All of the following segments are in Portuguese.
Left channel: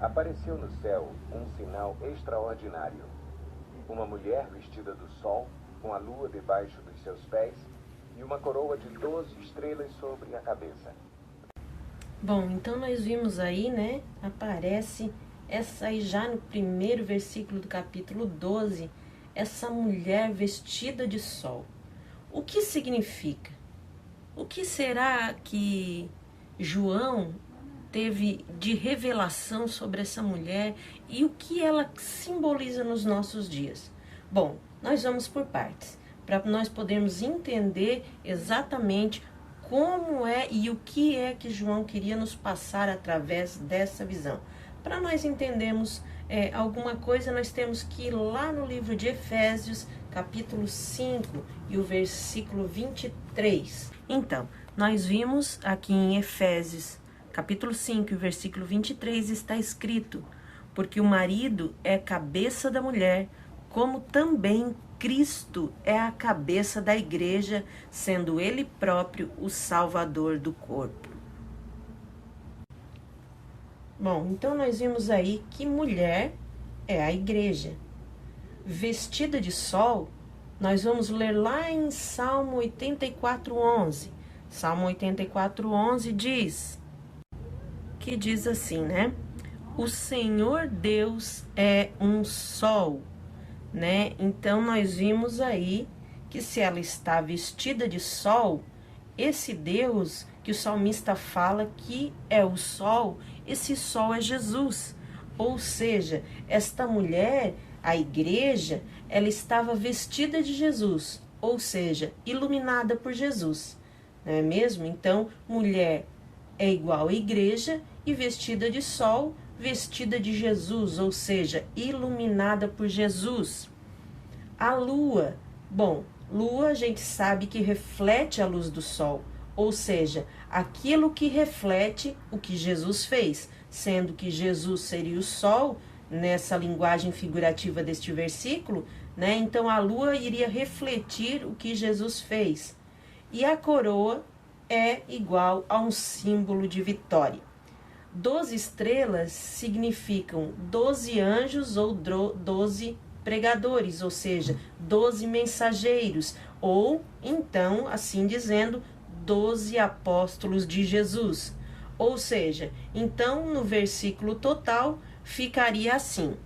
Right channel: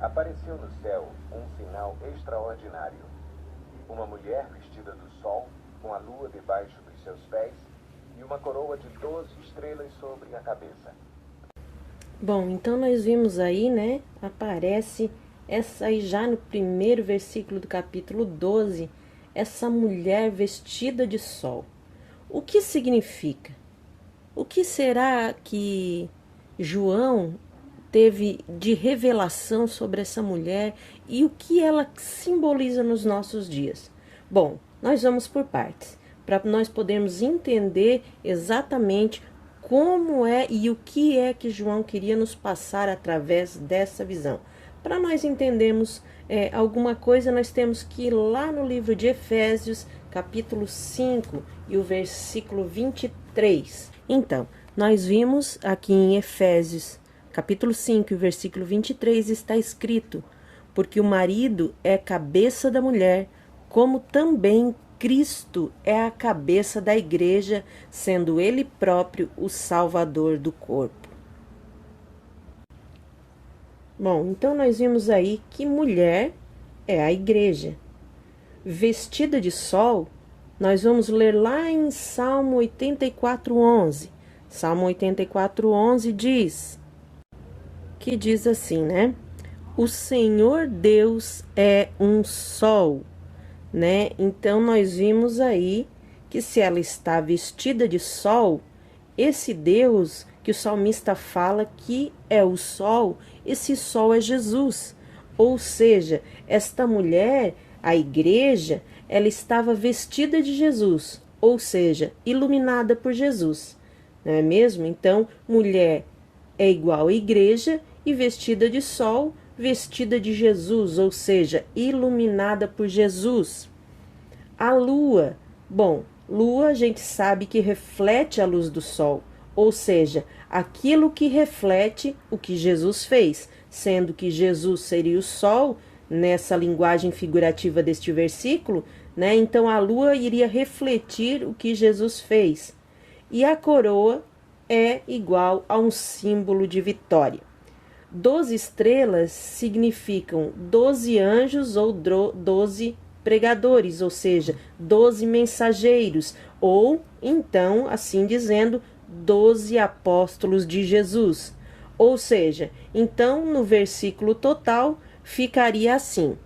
Apareceu no céu um sinal extraordinário. Uma mulher vestida do sol, com a lua debaixo dos seus pés, e uma coroa de 12 estrelas sobre a cabeça. Bom, então nós vimos aí, né, aparece essa aí já no primeiro versículo do capítulo 12, essa mulher vestida de sol. O que significa? O que será que João teve de revelação sobre essa mulher e o que ela simboliza nos nossos dias? Bom, nós vamos por partes, para nós podermos entender exatamente como é e o que é que João queria nos passar através dessa visão. Para nós entendermos alguma coisa, nós temos que ir lá no livro de Efésios, capítulo 5 e o versículo 23. Então, nós vimos aqui em Efésios, capítulo 5 e versículo 23, está escrito: porque o marido é cabeça da mulher, como também Cristo é a cabeça da igreja, sendo ele próprio o salvador do corpo. Bom, então nós vimos aí que mulher é a igreja. Vestida de sol, nós vamos ler lá em Salmo 84:11. Salmo 84:11 diz assim, né? O Senhor Deus é um sol, né? Então nós vimos aí que se ela está vestida de sol, esse Deus que o salmista fala que é o sol, esse sol é Jesus. Ou seja, esta mulher, a igreja, ela estava vestida de Jesus, ou seja, iluminada por Jesus, não é mesmo? Então, mulher é igual a igreja e vestida de sol, vestida de Jesus, ou seja, iluminada por Jesus. A lua, bom, lua a gente sabe que reflete a luz do sol, ou seja, aquilo que reflete o que Jesus fez, sendo que Jesus seria o sol, nessa linguagem figurativa deste versículo, né? Então a lua iria refletir o que Jesus fez. E a coroa é igual a um símbolo de vitória. 12 estrelas significam 12 anjos ou 12 pregadores, ou seja, 12 mensageiros, ou então, assim dizendo, 12 apóstolos de Jesus. Ou seja, então no versículo total ficaria assim:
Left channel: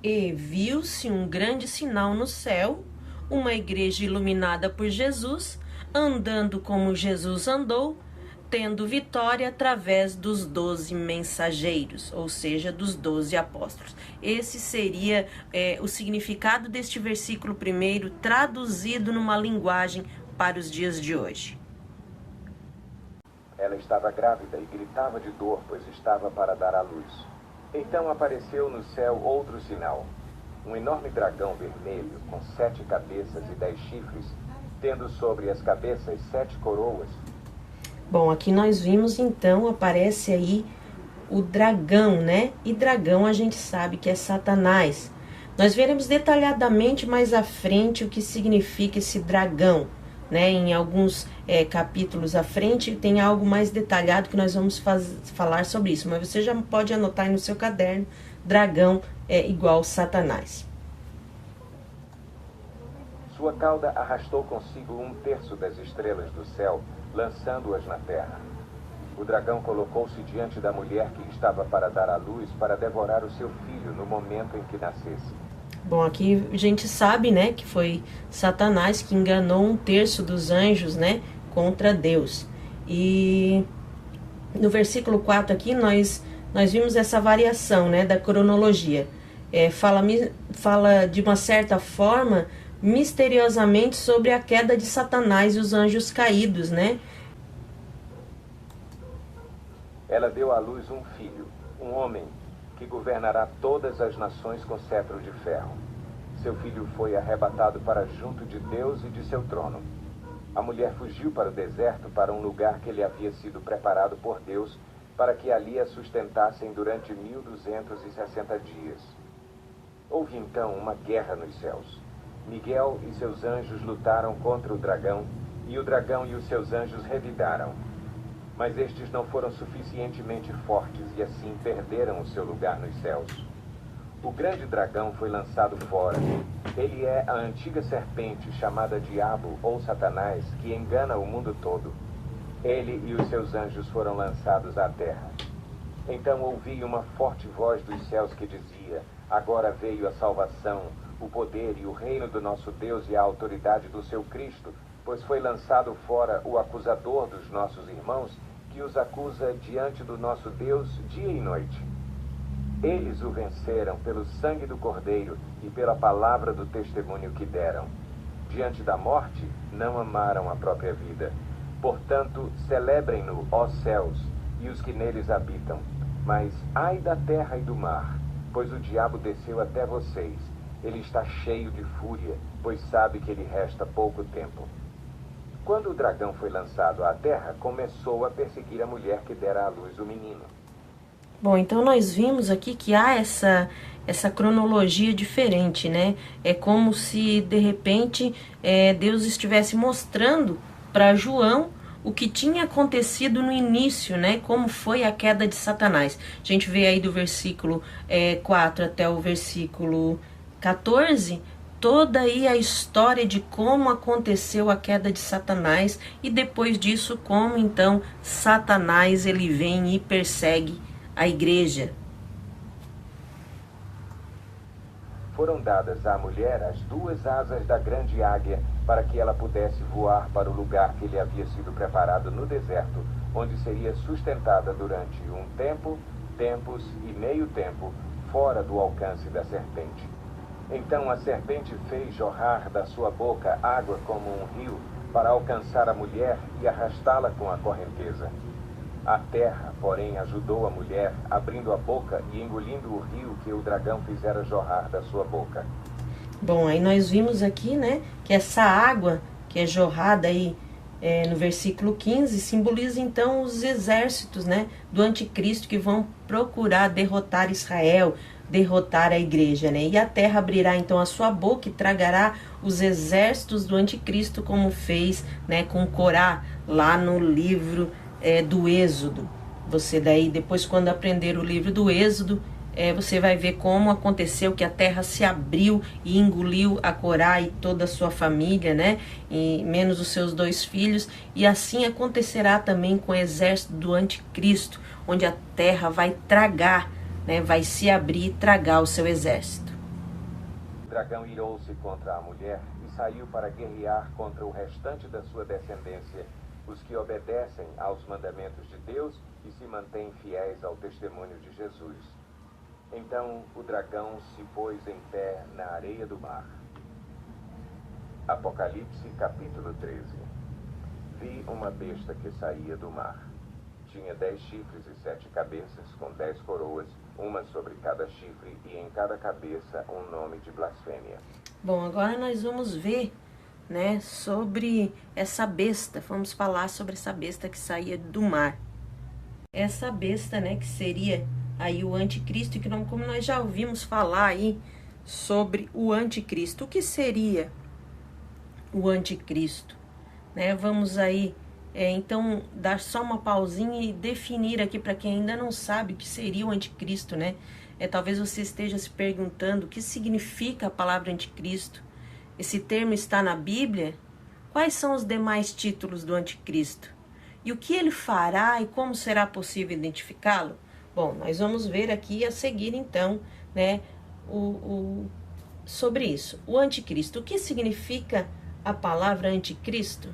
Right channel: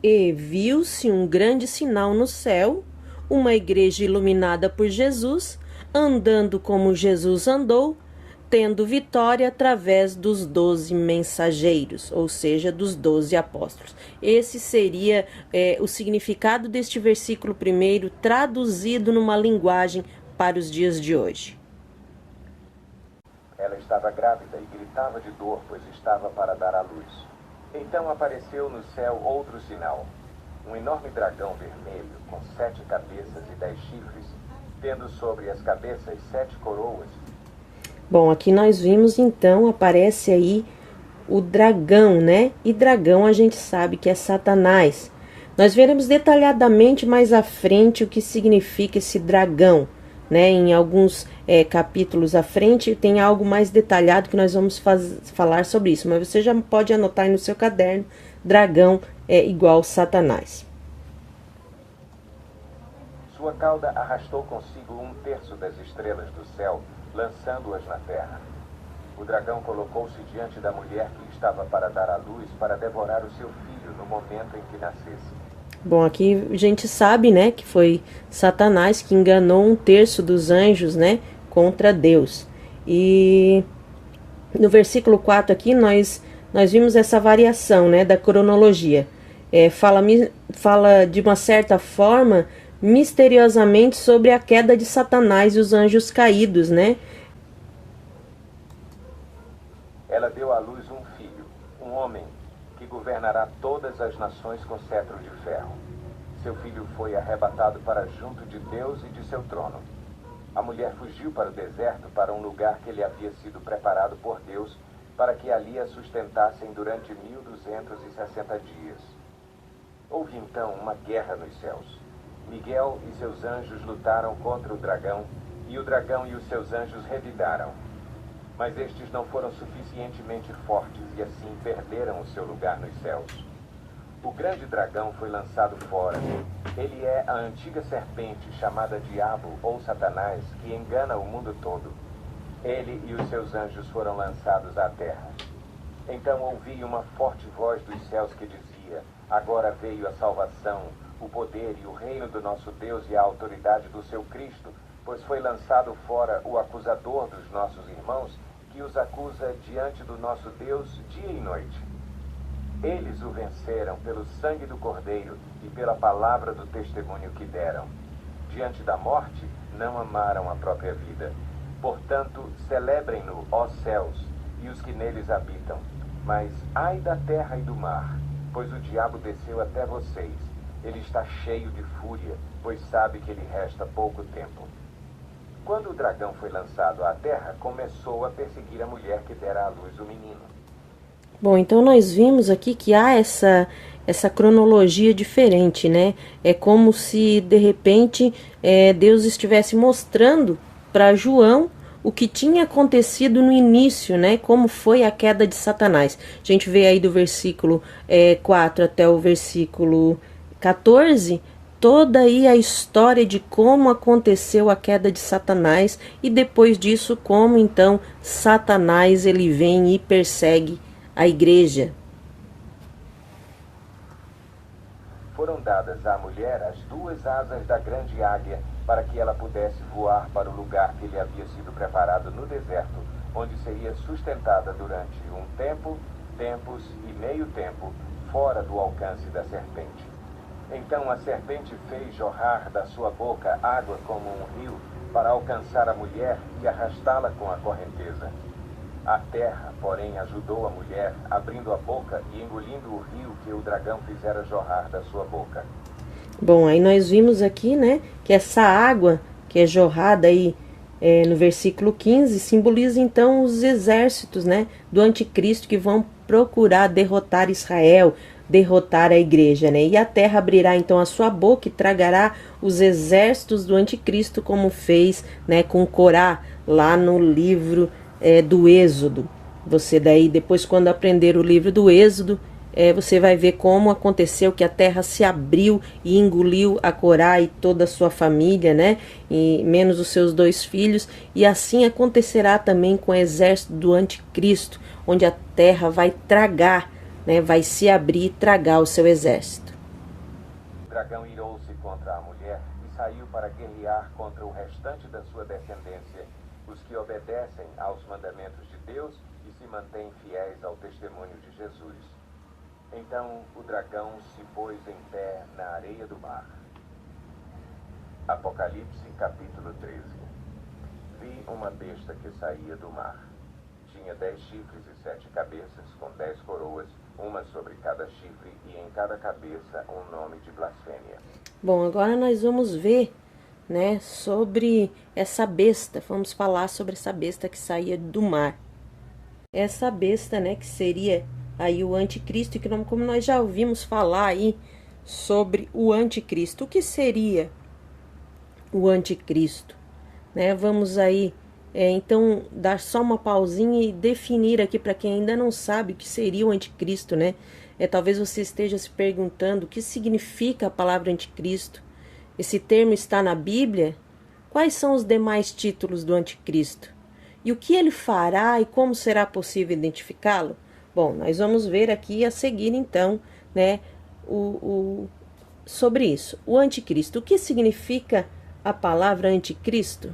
e viu-se um grande sinal no céu, uma igreja iluminada por Jesus, andando como Jesus andou, tendo vitória através dos 12 mensageiros, ou seja, dos 12 apóstolos. Esse seria o significado deste versículo primeiro, traduzido numa linguagem para os dias de hoje. Ela estava grávida e gritava de dor, pois estava para dar à luz. Então apareceu no céu outro sinal, um enorme dragão vermelho, com 7 cabeças e 10 chifres, tendo sobre as cabeças 7 coroas. Bom, aqui nós vimos então, aparece aí o dragão, né? E dragão a gente sabe que é Satanás. Nós veremos detalhadamente mais à frente o que significa esse dragão, né? Em alguns capítulos à frente tem algo mais detalhado que nós vamos falar sobre isso. Mas você já pode anotar aí no seu caderno, dragão é igual Satanás. Sua cauda arrastou consigo 1/3 das estrelas do céu, lançando-as na terra. O dragão colocou-se diante da mulher que estava para dar à luz, para devorar o seu filho no momento em que nascesse. Bom, aqui a gente sabe, né, que foi Satanás que enganou 1/3 dos anjos, né, contra Deus. E no versículo 4 aqui nós vimos essa variação, né, da cronologia. Fala de uma certa forma, misteriosamente, sobre a queda de Satanás e os anjos caídos, né? Ela deu à luz um filho, um homem, que governará todas as nações com cetro de ferro. Seu filho foi arrebatado para junto de Deus e de seu trono. A mulher fugiu para o deserto, para um lugar que lhe havia sido preparado por Deus, para que ali a sustentassem durante 1260 dias. Houve então uma guerra nos céus. Miguel e seus anjos lutaram contra o dragão, e o dragão e os seus anjos revidaram. Mas estes não foram suficientemente fortes e assim perderam o seu lugar nos céus. O grande dragão foi lançado fora. Ele é a antiga serpente chamada Diabo ou Satanás, que engana o mundo todo. Ele e os seus anjos foram lançados à terra. Então ouvi uma forte voz dos céus que dizia: agora veio a salvação, o poder e o reino do nosso Deus e a autoridade do seu Cristo, pois foi lançado fora o acusador dos nossos irmãos, que os acusa diante do nosso Deus dia e noite. Eles o venceram pelo sangue do Cordeiro e pela palavra do testemunho que deram. Diante da morte, não amaram a própria vida. Portanto, celebrem-no, ó céus, e os que neles habitam. Mas ai da terra e do mar, pois o diabo desceu até vocês. Ele está cheio de fúria, pois sabe que lhe resta pouco tempo. Quando o dragão foi lançado à terra, começou a perseguir a mulher que dera à luz o menino. Bom, então nós vimos aqui que há essa cronologia diferente, né? É como se, de repente, Deus estivesse mostrando para João o que tinha acontecido no início, né? Como foi a queda de Satanás. A gente vê aí do versículo 4 até o versículo 14, toda aí a história de como aconteceu a queda de Satanás e depois disso como então Satanás ele vem e persegue a igreja. Foram dadas à mulher as duas asas da grande águia para que ela pudesse voar para o lugar que lhe havia sido preparado no deserto, onde seria sustentada durante um tempo, tempos e meio tempo, fora do alcance da serpente. Então a serpente fez jorrar da sua boca água como um rio para alcançar a mulher e arrastá-la com a correnteza. A terra, porém, ajudou a mulher, abrindo a boca e engolindo o rio que o dragão fizera jorrar da sua boca. Bom, aí nós vimos aqui, né, que essa água que é jorrada aí no versículo 15 simboliza então os exércitos, né, do anticristo que vão procurar derrotar Israel, derrotar a igreja, né? E a terra abrirá então a sua boca e tragará os exércitos do anticristo, como fez, né, com Corá lá no livro do Êxodo. Você daí, depois quando aprender o livro do Êxodo, você vai ver como aconteceu que a terra se abriu e engoliu a Corá e toda a sua família, né? E menos os seus 2 filhos. E assim acontecerá também com o exército do anticristo, onde a terra vai tragar, né? Vai se abrir e tragar o seu exército. O dragão irou-se contra a mulher e saiu para guerrear contra o restante da sua descendência, os que obedecem aos mandamentos de Deus e se mantêm fiéis ao testemunho de Jesus. Então o dragão se pôs em pé na areia do mar. Apocalipse capítulo 13. Vi uma besta que saía do mar. Tinha 10 chifres e 7 cabeças, com 10 coroas, uma sobre cada chifre e em cada cabeça um nome de blasfêmia. Bom, agora nós vamos ver, né, sobre essa besta. Vamos falar sobre essa besta que saía do mar. Essa besta, né, que seria aí o anticristo, e que como nós já ouvimos falar aí sobre o anticristo. O que seria o anticristo? Né, vamos aí, então, dar só uma pausinha e definir aqui para quem ainda não sabe o que seria o anticristo, né? Talvez você esteja se perguntando o que significa a palavra anticristo. Esse termo está na Bíblia? Quais são os demais títulos do anticristo? E o que ele fará e como será possível identificá-lo? Bom, nós vamos ver aqui a seguir, então, né, sobre isso. O anticristo. O que significa a palavra anticristo?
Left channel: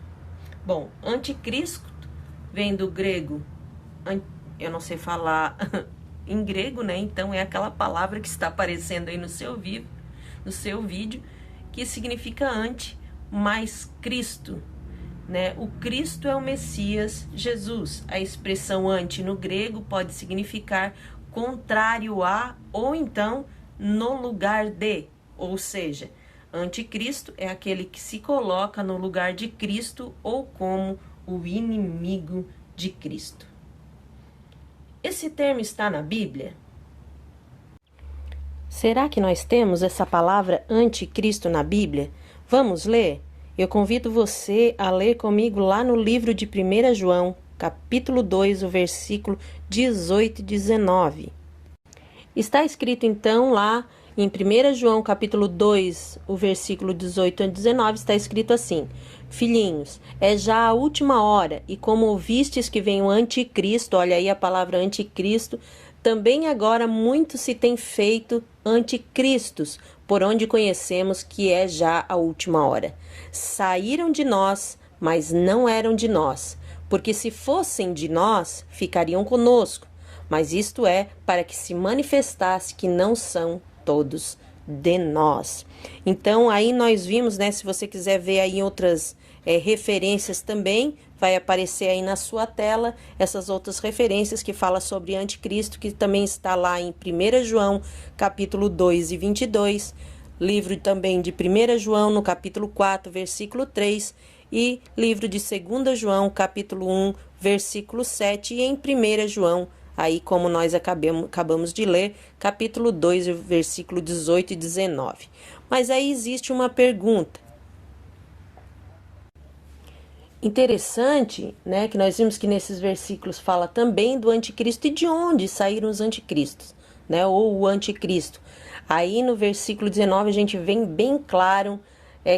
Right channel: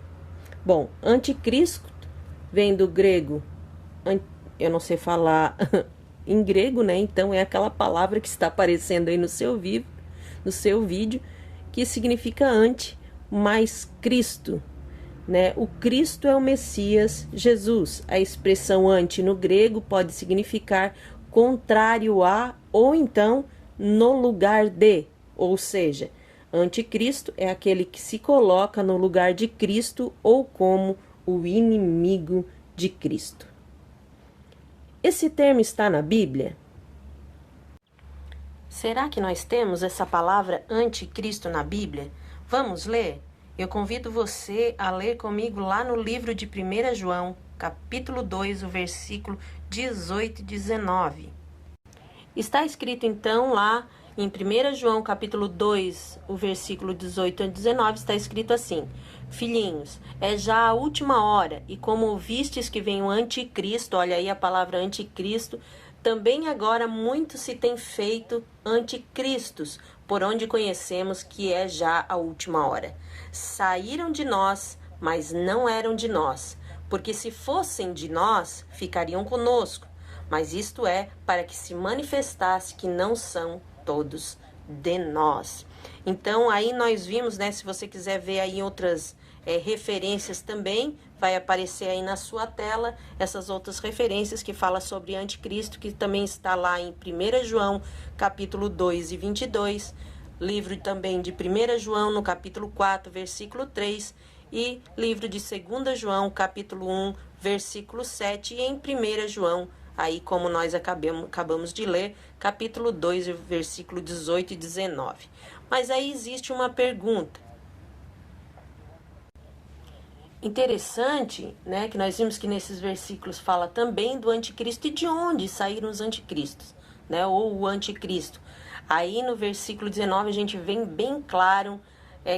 Bom, anticristo vem do grego, eu não sei falar em grego, né? Então é aquela palavra que está aparecendo aí no seu vídeo, que significa anti, mais Cristo, né? O Cristo é o Messias, Jesus. A expressão anti no grego pode significar contrário a ou então no lugar de, ou seja, anticristo é aquele que se coloca no lugar de Cristo ou como o inimigo de Cristo. Esse termo está na Bíblia? Será que nós temos essa palavra anticristo na Bíblia? Vamos ler? Eu convido você a ler comigo lá no livro de 1 João, capítulo 2, o versículo 18 e 19. Está escrito então lá em 1 João capítulo 2, o versículo 18 a 19, está escrito assim: Filhinhos, é já a última hora, e como ouvistes que vem o anticristo, olha aí a palavra anticristo, também agora muito se tem feito anticristos, por onde conhecemos que é já a última hora. Saíram de nós, mas não eram de nós, porque se fossem de nós, ficariam conosco. Mas isto é para que se manifestasse que não são todos de nós. Então, aí nós vimos, né? Se você quiser ver aí outras referências também, vai aparecer aí na sua tela essas outras referências que fala sobre anticristo, que também está lá em 1 João, capítulo 2 e 22, livro também de 1 João, no capítulo 4, versículo 3, e livro de 2 João, capítulo 1, versículo 7, e em 1 João, aí como nós acabamos de ler, capítulo 2, versículo 18 e 19. Mas aí existe uma pergunta. Interessante, né, que nós vimos que nesses versículos fala também do anticristo e de onde saíram os anticristos, né, ou o anticristo. Aí no versículo 19 a gente vem bem claro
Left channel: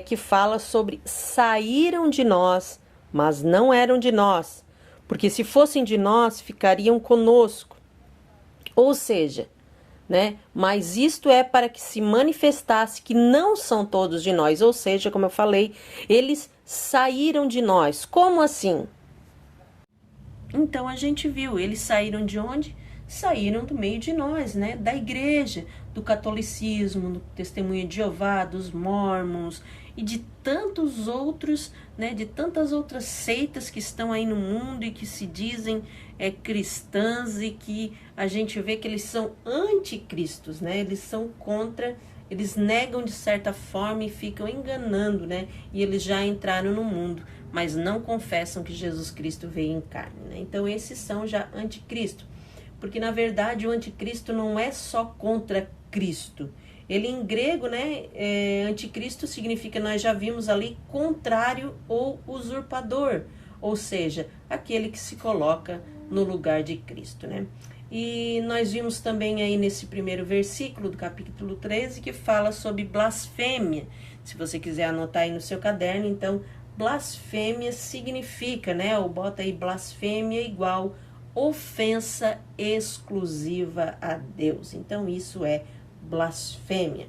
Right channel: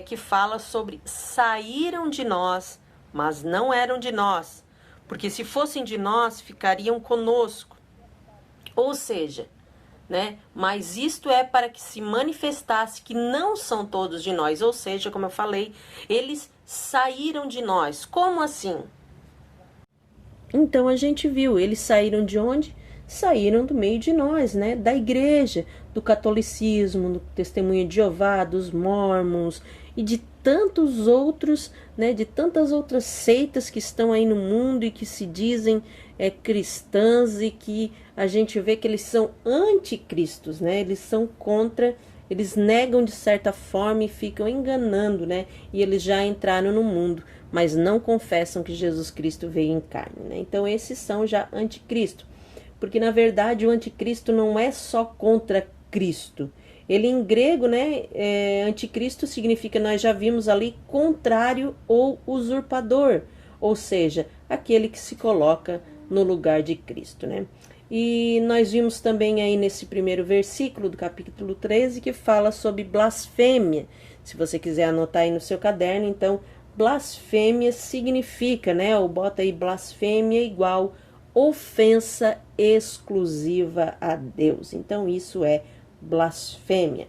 que fala sobre saíram de nós, mas não eram de nós, porque se fossem de nós, ficariam conosco. Ou seja, né, mas isto é para que se manifestasse que não são todos de nós, ou seja, como eu falei, eles saíram de nós. Como assim? Então a gente viu, eles saíram de onde? Saíram do meio de nós, né, da igreja, do catolicismo, do testemunho de Jeová, dos mormons e de tantos outros, né, de tantas outras seitas que estão aí no mundo e que se dizem cristãs e que a gente vê que eles são anticristos, né? Eles são contra, eles negam de certa forma e ficam enganando, né? E eles já entraram no mundo, mas não confessam que Jesus Cristo veio em carne, né? Então esses são já anticristo, porque na verdade o anticristo não é só contra Cristo. Ele em grego, né, anticristo significa, nós já vimos ali, contrário ou usurpador, ou seja, aquele que se coloca no lugar de Cristo, né? E nós vimos também aí nesse primeiro versículo do capítulo 13 que fala sobre blasfêmia. Se você quiser anotar aí no seu caderno, então, blasfêmia significa, né, ou bota aí blasfêmia igual ofensa exclusiva a Deus. Então, isso é blasfêmia.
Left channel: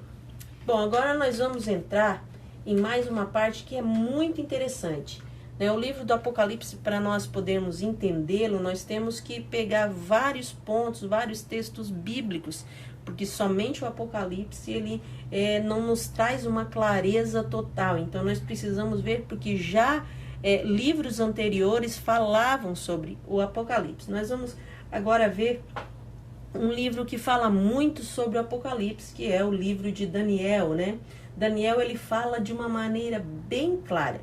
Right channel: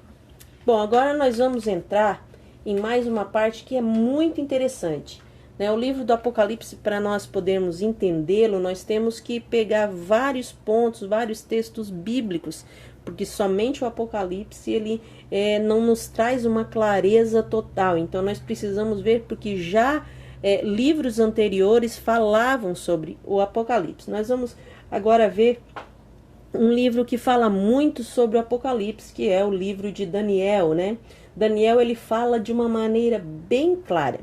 Bom, agora nós vamos entrar em mais uma parte que é muito interessante. O livro do Apocalipse, para nós podermos entendê-lo, nós temos que pegar vários pontos, vários textos bíblicos, porque somente o Apocalipse ele não nos traz uma clareza total. Então nós precisamos ver, porque já livros anteriores falavam sobre o Apocalipse. Nós vamos agora ver um livro que fala muito sobre o Apocalipse, que é o livro de Daniel, né? Daniel, ele fala de uma maneira bem clara,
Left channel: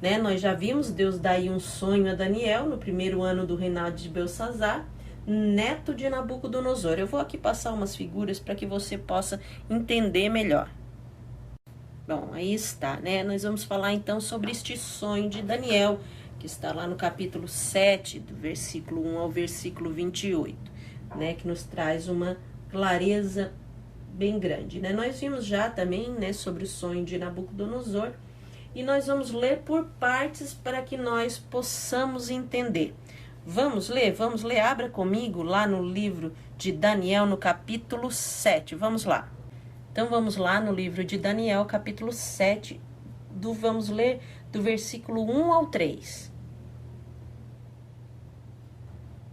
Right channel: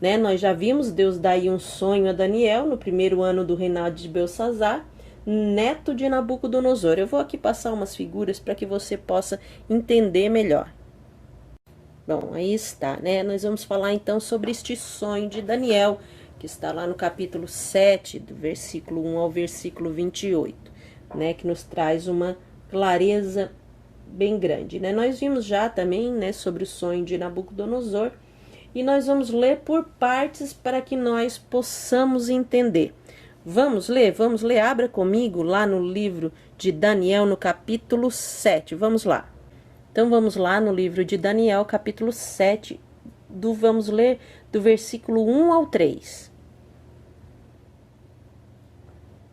né? Nós já vimos Deus dar aí um sonho a Daniel no primeiro ano do reinado de Belsassar, neto de Nabucodonosor. Eu vou aqui passar umas figuras para que você possa entender melhor. Bom, aí está, né? Nós vamos falar então sobre este sonho de Daniel, que está lá no capítulo 7, do versículo 1 ao versículo 28, né? Que nos traz uma clareza bem grande, né? Nós vimos já também, né, sobre o sonho de Nabucodonosor, e nós vamos ler por partes para que nós possamos entender. Vamos ler, abra comigo lá no livro de Daniel, no capítulo 7, vamos lá. Então, vamos lá no livro de Daniel, capítulo 7, vamos ler do versículo 1 ao 3.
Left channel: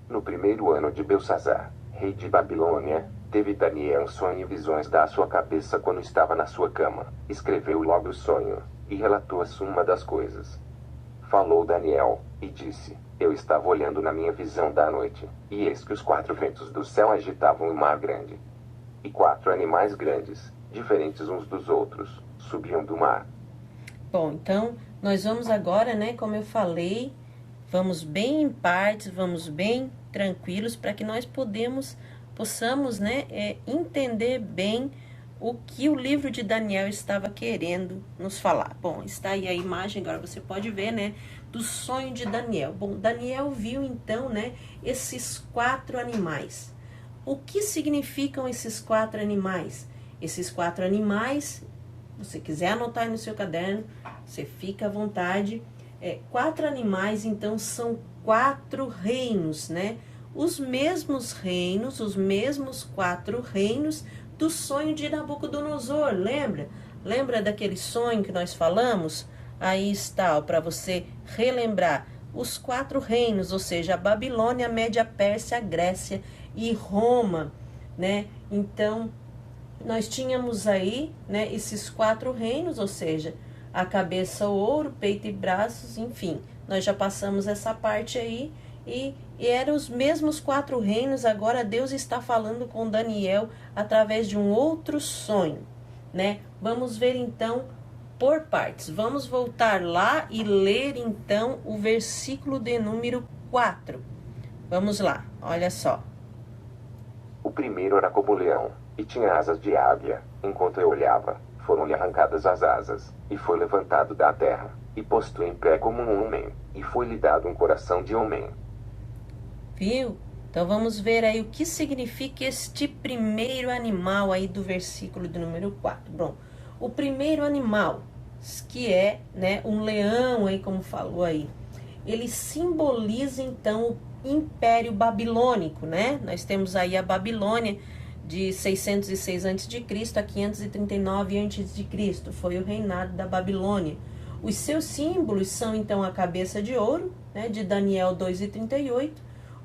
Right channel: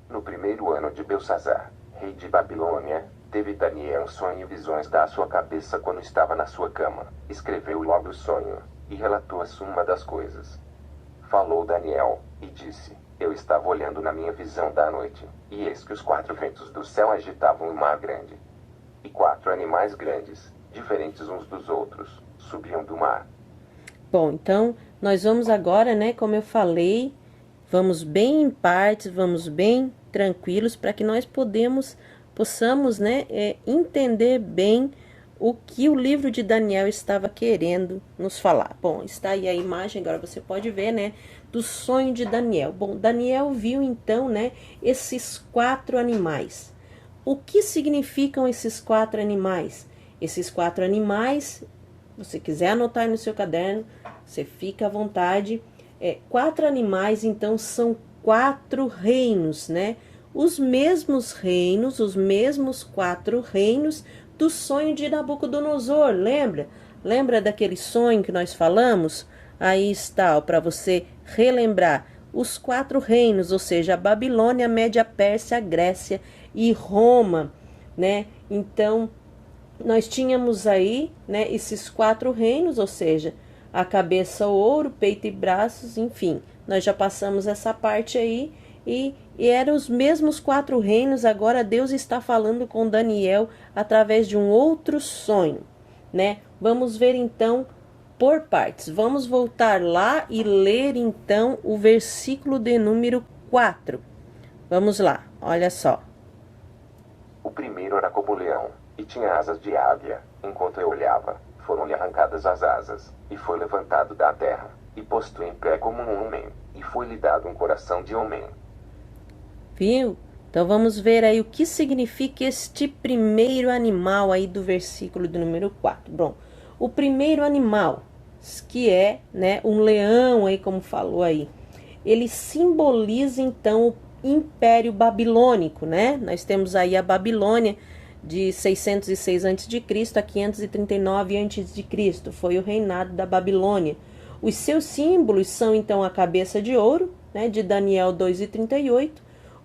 No primeiro ano de Belsassar, rei de Babilônia, teve Daniel um sonho e visões da sua cabeça quando estava na sua cama. Escreveu logo o sonho e relatou a suma das coisas. Falou Daniel e disse: Eu estava olhando na minha visão da noite, e eis que os 4 ventos do céu agitavam o mar grande. E 4 animais grandes, diferentes uns dos outros, subiam do mar. Bom, então, nós vamos agora, né, como eu falei, vamos bem em partes, vamos bem tranquilos, para que nós possamos, né, entender bem o que o livro de Daniel estava querendo nos falar. Bom, está aí a imagem, agora você pode ver, né, do sonho de Daniel. Bom, Daniel viu então, né, esses 4 animais. O que significam esses 4 animais? Esses 4 animais, se você quiser anotar aí no seu caderno, você fica à vontade. 4 animais, então, são 4 reinos, né? Os mesmos reinos, os mesmos 4 reinos do sonho de Nabucodonosor, lembra? Lembra daquele sonho que nós falamos? Aí está, para você relembrar, os 4 reinos, ou seja, a Babilônia, a Média Pérsia, a Grécia e Roma, né? Então, nós tínhamos aí, né, esses 4 reinos, ou seja, a cabeça, o ouro, peito e braços, enfim, nós já passamos essa parte aí, e eram os mesmos 4 reinos. Agora Deus está falando com Daniel através de um outro sonho, né? Vamos ver então por partes. Vamos voltar lá e ler então o versículo de número 4. Vamos lá, olha só. O primeiro era como leão, e tinha asas de águia. Enquanto eu olhava, foram-lhe arrancadas as asas, e foi levantado da terra, e posto em pé como um homem, e foi-lhe dado um coração de homem. Viu? Então vamos ver aí o que significa este primeiro animal aí do versículo do número 4. Bom, o primeiro animal, que é, né, um leão aí, como falou aí, ele simboliza então o Império Babilônico, né? Nós temos aí a Babilônia de 606 a.C. a 539 a.C. Foi o reinado da Babilônia. Os seus símbolos são então a cabeça de ouro, né, de Daniel 2:38,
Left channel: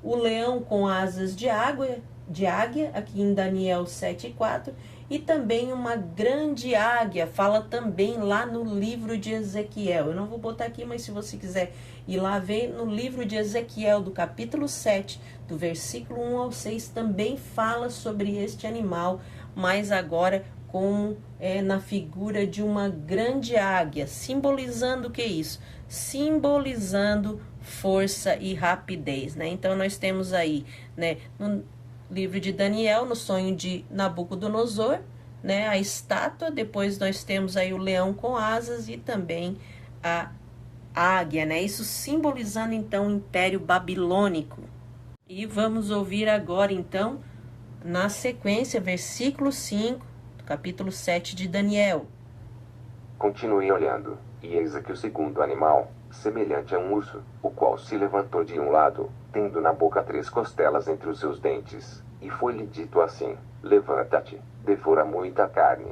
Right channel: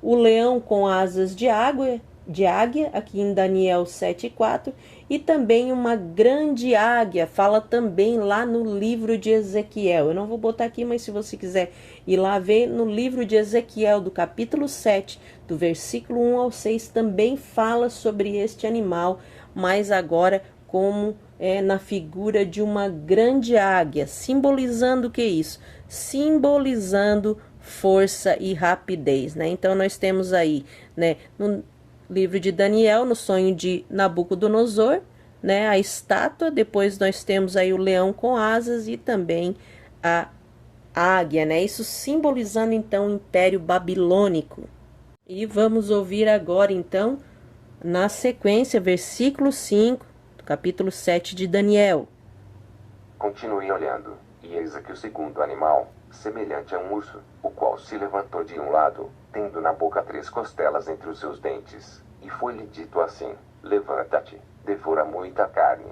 o leão com asas de águia, aqui em Daniel 7:4, e também uma grande águia, fala também lá no livro de Ezequiel. Eu não vou botar aqui, mas se você quiser ir lá ver, no livro de Ezequiel, do capítulo 7, do versículo 1 ao 6, também fala sobre este animal, mas agora como na figura de uma grande águia, simbolizando o que é isso? Simbolizando força e rapidez, né? Então nós temos aí, né, no livro de Daniel, no sonho de Nabucodonosor, né, a estátua. Depois nós temos aí o leão com asas e também a águia, né? Isso simbolizando então o Império Babilônico. E vamos ouvir agora então, na sequência, versículo 5 do capítulo 7 de Daniel. Continuei olhando, e eis aqui o segundo animal, semelhante a um urso, o qual se levantou de um lado, tendo na boca 3 costelas entre os seus dentes, e foi-lhe dito assim: levanta-te, devora muita carne.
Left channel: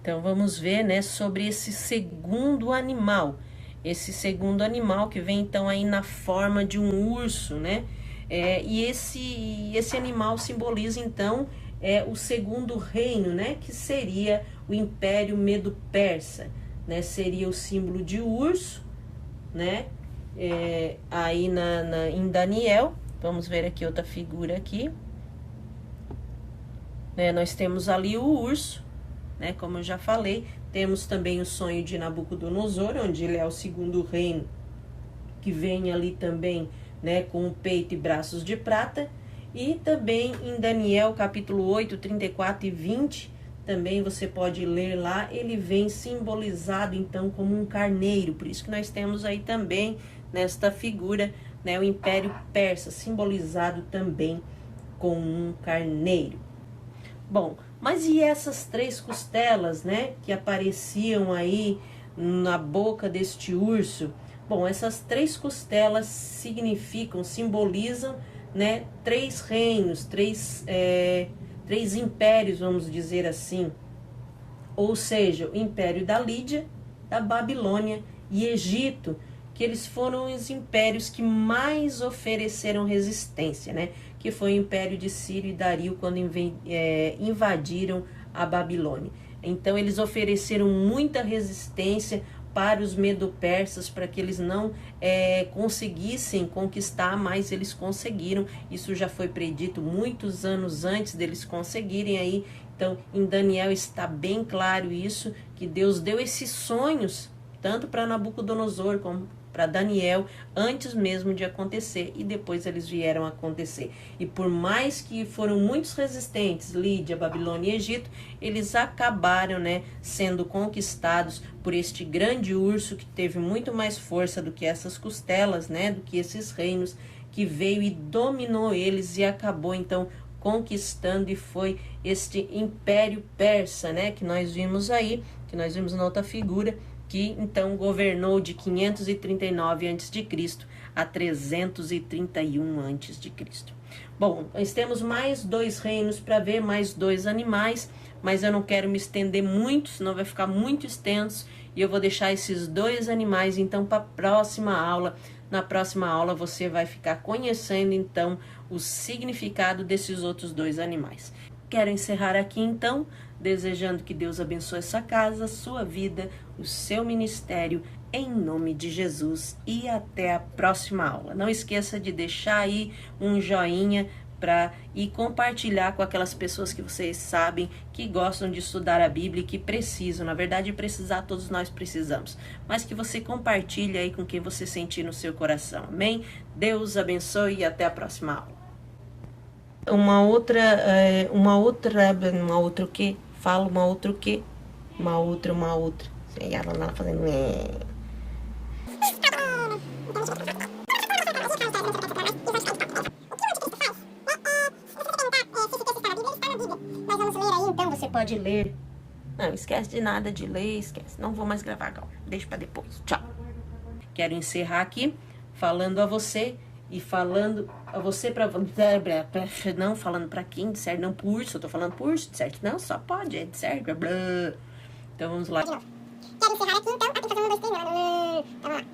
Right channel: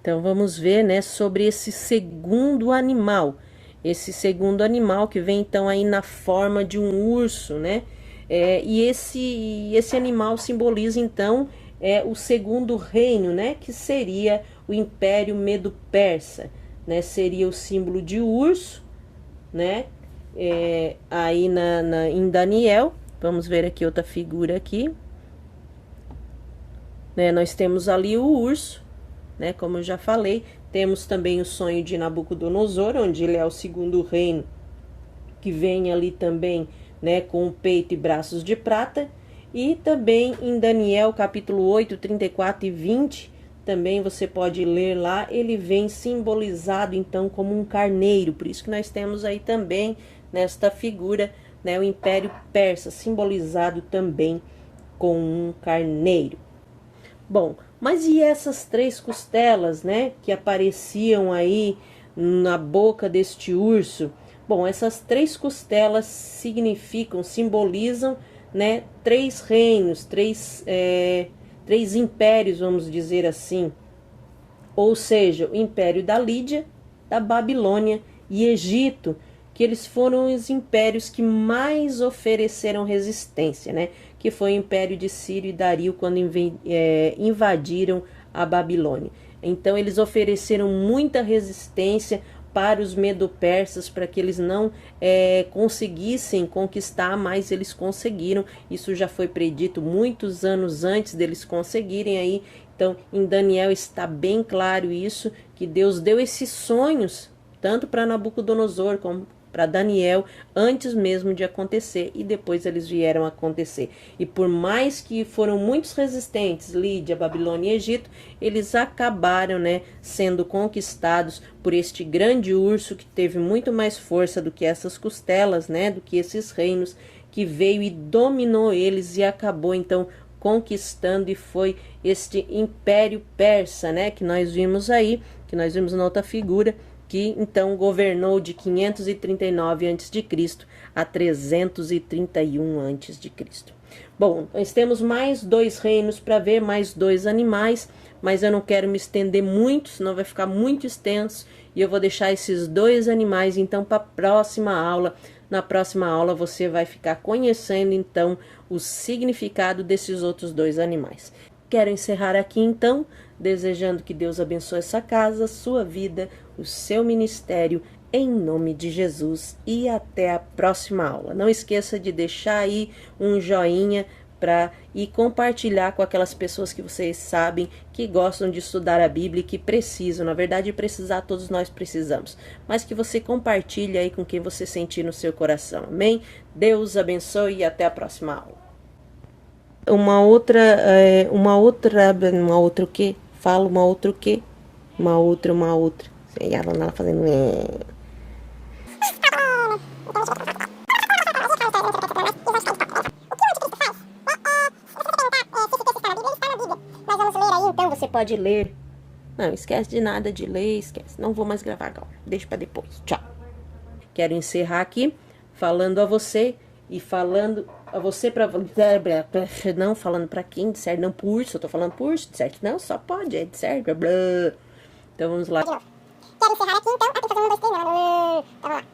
Então vamos ver, né, sobre esse segundo animal. Esse segundo animal que vem então aí na forma de um urso, né? E esse animal simboliza então o segundo reino, né? Que seria o Império Medo-Persa, né? Seria o símbolo de urso, né? Aí em Daniel, vamos ver aqui outra figura aqui, né? Nós temos ali o urso, né? Como eu já falei, temos também o sonho de Nabucodonosor, onde ele é o segundo reino, que vem ali também, né, com o peito e braços de prata. E também em Daniel capítulo 8, 34 e 20, também você pode ler lá, ele vem simbolizado então como um carneiro. Por isso que nós temos aí também nesta figura, né, o Império Persa, simbolizado também com um carneiro. Bom, mas e essas 3 costelas, né, que apareciam aí na boca deste urso? Bom, essas 3 costelas simbolizam, né, 3 reinos, 3 impérios, vamos dizer assim. Ou seja, o Império da Lídia, da Babilônia e Egito, que eles foram os impérios que mais ofereceram resistência, né? Que foi o Império de Ciro e Dario quando invadiram a Babilônia. Então, eles ofereceram muita resistência para os medo-persas, para que eles não conseguissem conquistar, mas eles conseguiram. Isso já foi predito muitos anos antes deles conseguirem aí. Então, em Daniel está bem claro isso, que Deus deu esses sonhos tanto para Nabucodonosor como para Daniel, antes mesmo de acontecer, e depois eles vieram a acontecer. E por mais que foram muitos resistentes, Lídia, Babilônia e Egito, eles acabaram, né, sendo conquistados por este grande urso que teve muito mais força do que essas costelas, né, do que esses reinos, que veio e dominou eles e acabou então conquistando, e foi este Império Persa, né, que nós vimos aí, que nós vimos na outra figura, que então governou de 539 a.C. a 331 a.C. Bom, nós temos mais 2 reinos para ver, mais 2 animais, mas eu não quero me estender muito, senão vai ficar muito extenso, e eu vou deixar esses 2 animais então para a próxima aula. Na próxima aula você vai ficar conhecendo então o significado desses outros 2 animais. Quero encerrar aqui então, desejando que Deus abençoe essa casa, sua vida, o seu ministério, em nome de Jesus, e até a próxima aula. Não esqueça de deixar aí um joinha e compartilhar com aquelas pessoas que vocês sabem que gostam de estudar a Bíblia e que precisam. Na verdade, precisar todos nós precisamos, mas que você compartilhe aí com quem você sentir no seu coração. Amém? Deus abençoe e até a próxima aula. Uma outra o quê? Fala uma outra o quê? Uma outra. E ela lá fazendo Então você pode ler. Não, esquece de nada de ler, esquece. Não vou mais gravar agora. Deixa pra depois. Tchau. Quero encerrar aqui falando a você e falando a você não falando pra quem, certo? Não por urso, eu tô falando por urso, certo? Não, só pode, é certo? Então vamos lá. Quero encerrar aqui então. Vamos lá.